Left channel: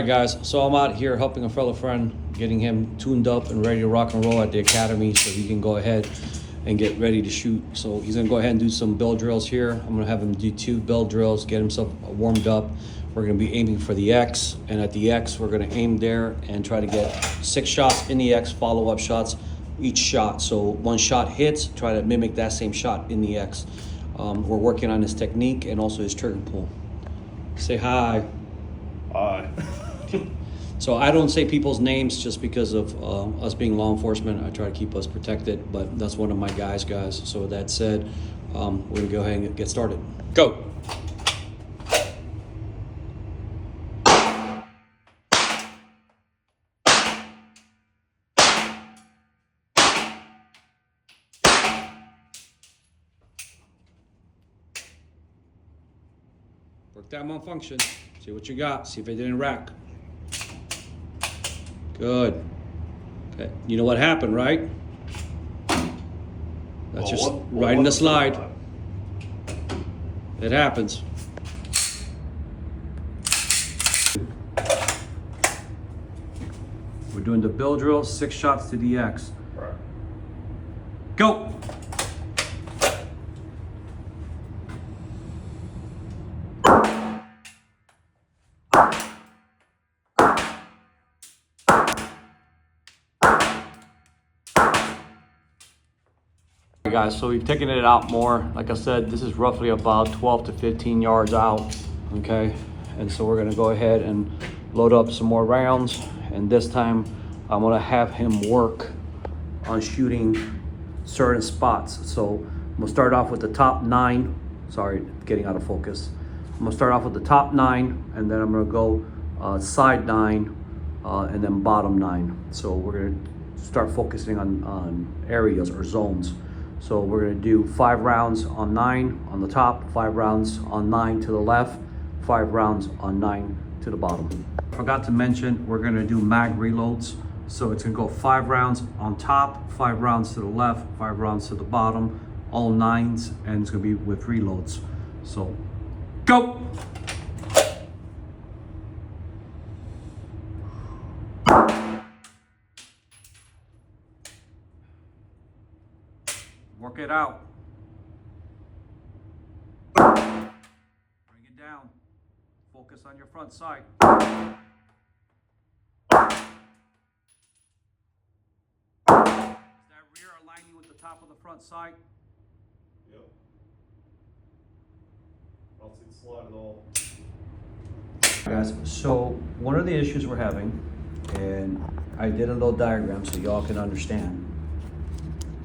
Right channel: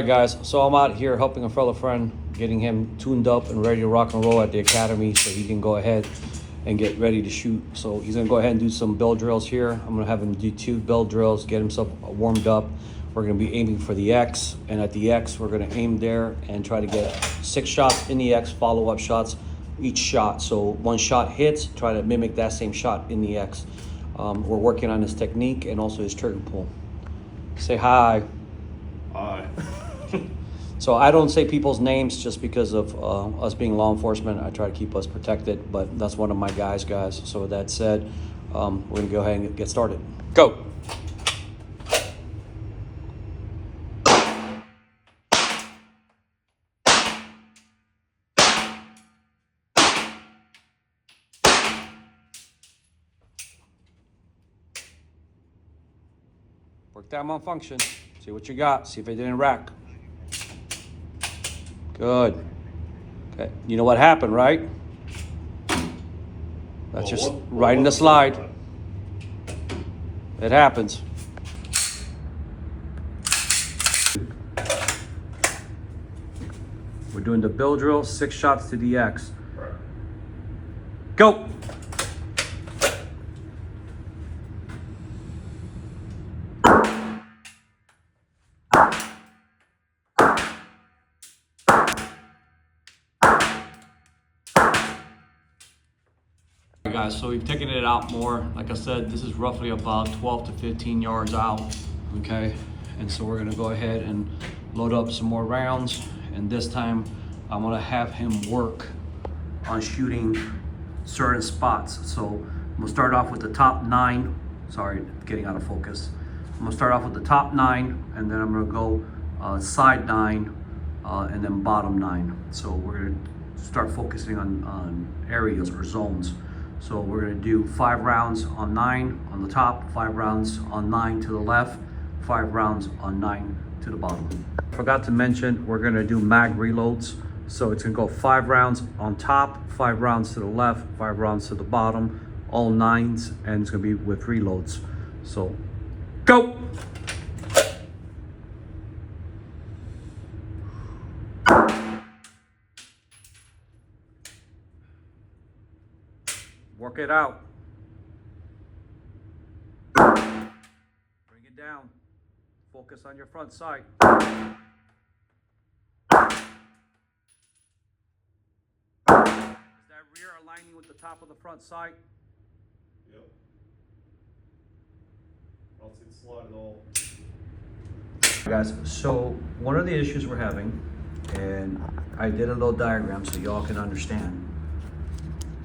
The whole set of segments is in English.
Hi guys, so I'm out here helping a fellow friend, getting him tuned up and ready to rock and roll at the academy so he can go ahead and get ready to shoot. So he's gonna go ahead and do some bell drills here. I'm gonna have him do 2 bell drills, get himself warmed up. We're gonna be aiming for the X, and at the X, we're gonna aim there and try to get 6 shots in the X, follow-up shots each shot. So one shot hits, try to mimic that same shot in the X. We're working on his technique and also his trigger pull. Say hi. Hi. So I don't say people's names just because of us being law enforcement. I try to keep us protected, but that's one of my guys. So with that said, we're gonna go ahead and get started. Go. Work that malfunction. See what you got. See if it didn't rack. Good. Okay. You know what happened, right? That's just right in the slide. It happens. We're doing the bill drill, 6 shots to the X. Go. Guys, so we've taken it out more. Like I said, this is roughly about 12 to 15 yards out, okay? And so we're gonna go ahead and load up some more rounds, and this time I'm gonna have him work on shooting certain spots. So I'm gonna start off with the top 9. Sorry, getting out of focus. I'm gonna start off with the top 9, and then I'm gonna go side 9, and then bottom 9. So we're gonna start focusing on areas or zones. So we're gonna do 5 rounds on 9 on the top, 5 rounds on 9 to the left, 5 rounds on 9 to the bottom. Forgot to mention, we're gonna do mag reloads. So it's gonna go 5 rounds on top, 5 rounds to the left, 5 rounds to the bottom, all 9s, and it's gonna be with reloads. So, go! Work it out. Bring it down. Focus on your front sight. Is that rear aligning with the top of the front sight? Yep. I don't see the slide at all. Guys, so one of the issues we're having, and I did a little diagram so y'all can understand.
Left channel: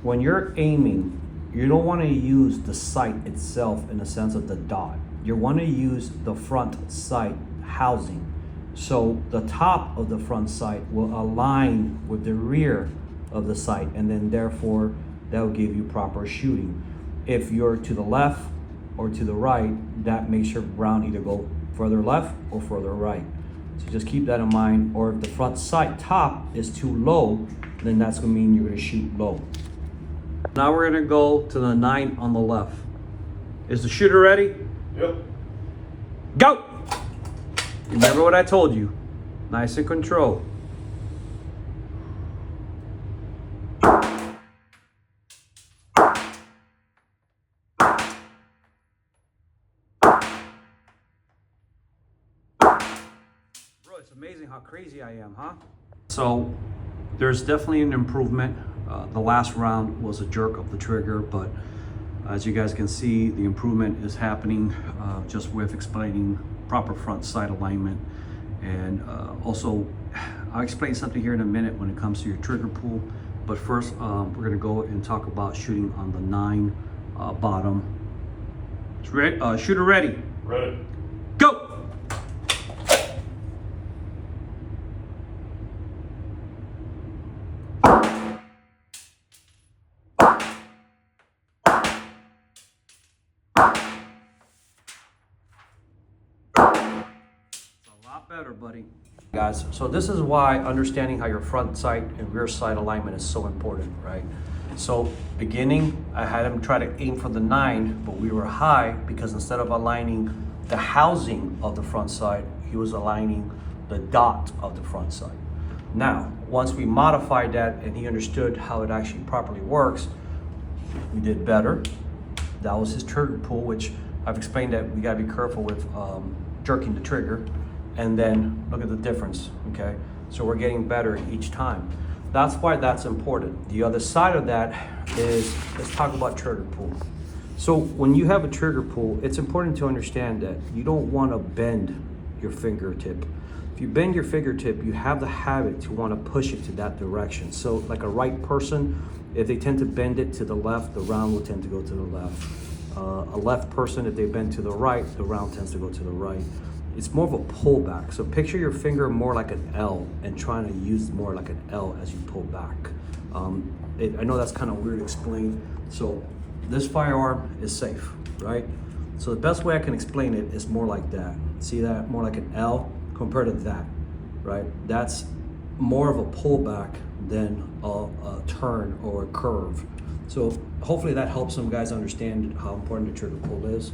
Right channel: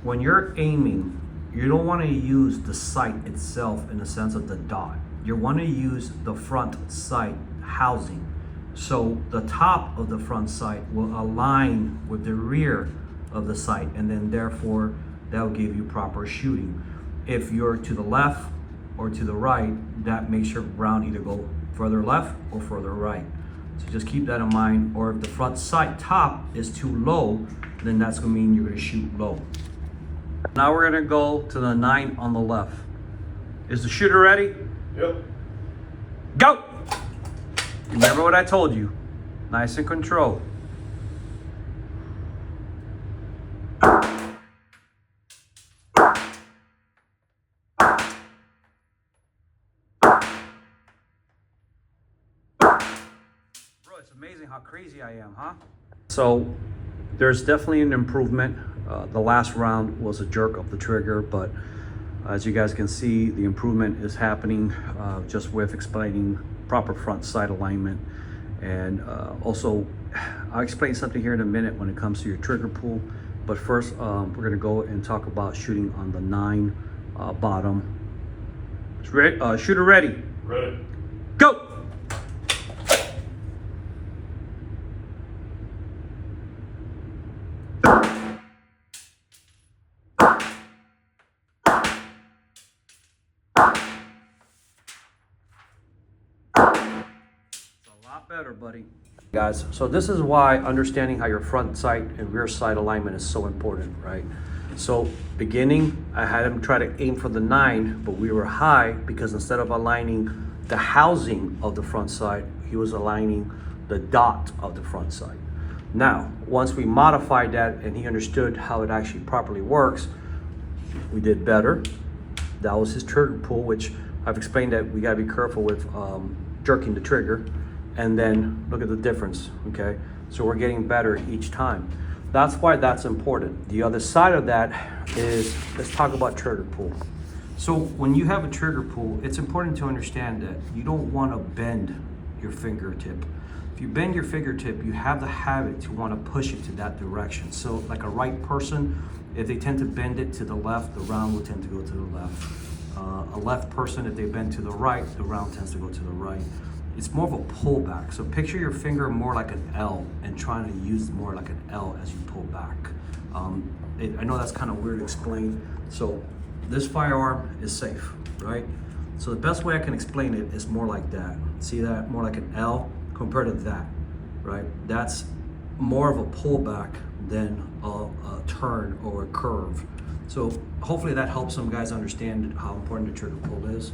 When you're aiming, you don't want to use the sight itself in the sense of the dot. You want to use the front sight housing. So the top of the front sight will align with the rear of the sight, and then therefore that will give you proper shooting. If you're to the left or to the right, that makes your round either go further left or further right. So just keep that in mind. Or if the front sight top is too low, then that's gonna mean you're gonna shoot low. Now we're gonna go to the 9 on the left. Is the shooter ready? Yep. Go! Remember what I told you. Nice and controlled. Bro, it's amazing how crazy I am, huh? So there's definitely an improvement. The last round was a jerk of the trigger, but as you guys can see, the improvement is happening just with explaining proper front sight alignment. And also, I'll explain something here in a minute when it comes to your trigger pull. But first, we're gonna go and talk about shooting on the 9 bottom. Shooter ready? Ready. Go! Better, buddy. Guys, so this is why understanding how your front sight and rear sight alignment is so important, right? So beginning, I had him try to aim for the 9, but we were high because instead of aligning the housing of the front sight, he was aligning the dot of the front sight. Now, once we modified that and he understood how it actually properly works, we did better. That was his trigger pull, which I've explained that we gotta be careful with jerking the trigger. And then look at the difference, okay? So we're getting better each time. That's why that's important. The other side of that is, let's talk about trigger pull. So when you have a trigger pull, it's important to understand that you don't wanna bend your fingertip. If you bend your fingertip, you have the habit to wanna push it to that direction. So like a right person, if they tend to bend it to the left, the round will tend to go to the left. A left person, if they bend to the right, the round tends to go to the right. It's more of a pullback. So picture your finger more like an L and trying to use more like an L as you pull back. I know that's kind of weird to explain. So this firearm is safe, right? So the best way I can explain it is more like that. See that? More like an L compared to that, right? That's more of a pullback than a turn or a curve. So hopefully that helps some guys understand how important the trigger pull is.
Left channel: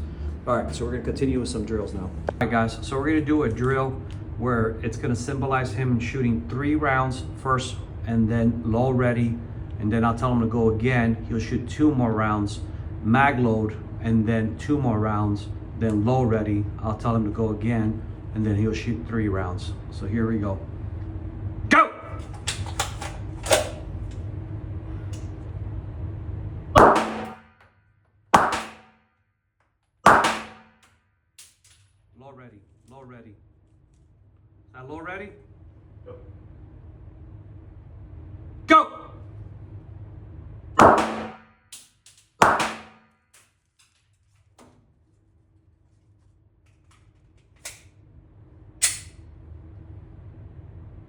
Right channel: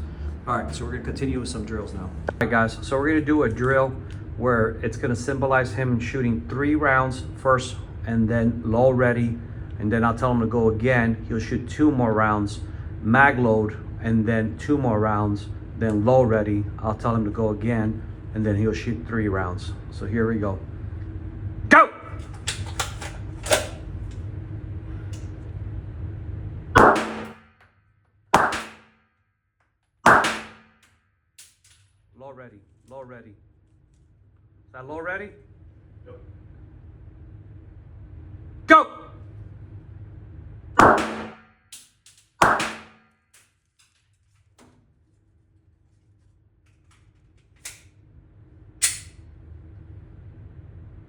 All right, so we're gonna continue with some drills now. All right guys, so we're gonna do a drill where it's gonna symbolize him shooting 3 rounds first and then low ready, and then I'll tell him to go again. He'll shoot 2 more rounds, mag load, and then 2 more rounds, then low ready. I'll tell him to go again, and then he'll shoot 3 rounds. So here we go. Go! Low ready, low ready. Is that low ready? Yep. Go!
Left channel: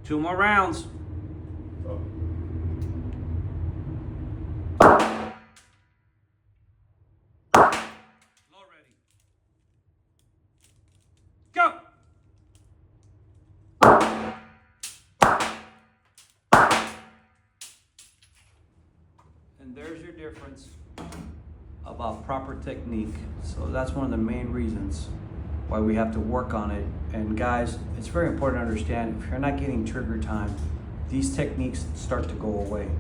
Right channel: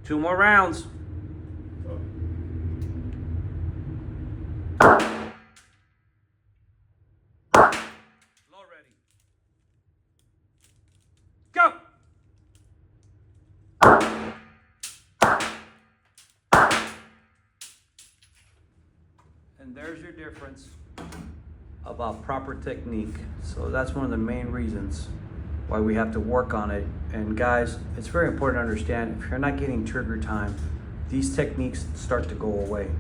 Two more rounds. Up. Low ready. Go! And there's your difference about proper technique. So that's one of the main reasons why we have to work on it. And guys, it's very important to understand, if you're not getting trigger time, these techniques start to go away.